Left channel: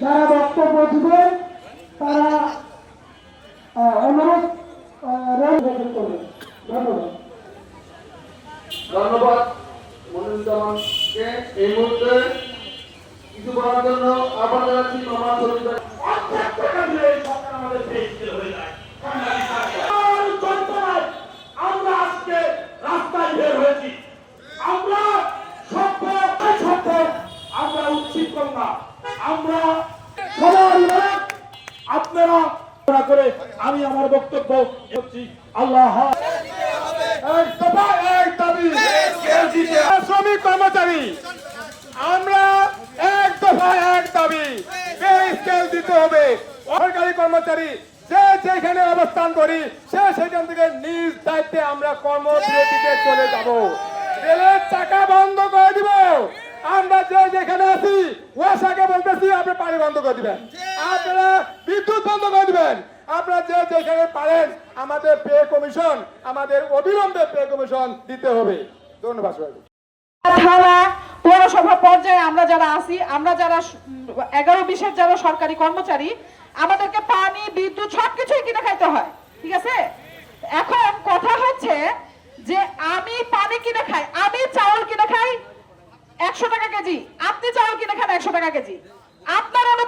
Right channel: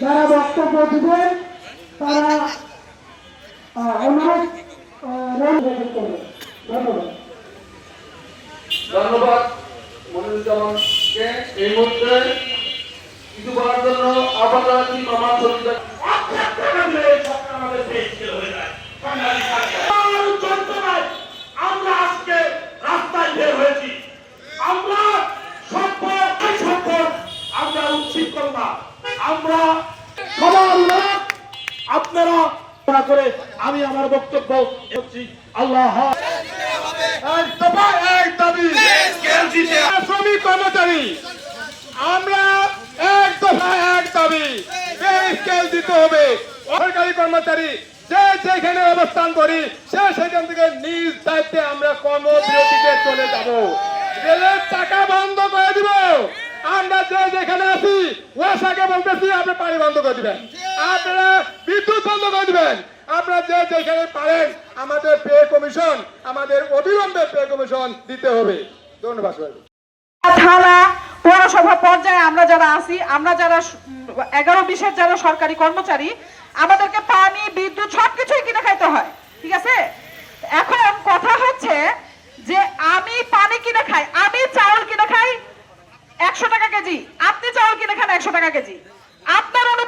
যারা বক্তব্য দিবেন তারা অনুরোধ ধন্যবাদ। মনিরুজ্জামানকে। এই মুহূর্তে কিছু বলার জন্য আবার জানাচ্ছি মামা আপনারা করে আমি আমার বক্তব্য করছি আল্লাহ। শ্রমিক কর্মচারী। আমরা এক দফা এক দাবি। দিতে হবে। সরকারি কর্মচারী, যে যেখানে অবস্থান করি, সে সেখান থেকে নিজ দায়িত্বে আমরা কর্মবিরতিতে চলে যাব। রেলের চাকা বন্ধ করে দিব আমরা যে যেখানে আছি ওয়াসাকে বলতেছি আপনি পানি বন্ধ করে দিবেন। আপনারা বিদ্যুৎ বন্ধ করে দিবেন। আপনারা যে যেখানে পারেন, আমাদের পে কমিশন, আমাদের অবিলম্বে পে কমিশন দিতে হবে। ধন্যবাদ। থানা, পৌরসভা পর্যায়ে আমরা যারা আছি, আমরা যারা এগারো বিশের যারা সরকারি কর্মচারী, আমাদেরকে পানি, বিদ্যুৎ সবকিছুই কিনে খাইতে হয়। ঠিক আছে? এখন কথা হচ্ছে যে আমি পানি কিনে খাই, আমি চাউল কিনে খাই একশো টাকা কেজি। আপনি চাউল কিনে খান একশো টাকা কেজি। আপনারা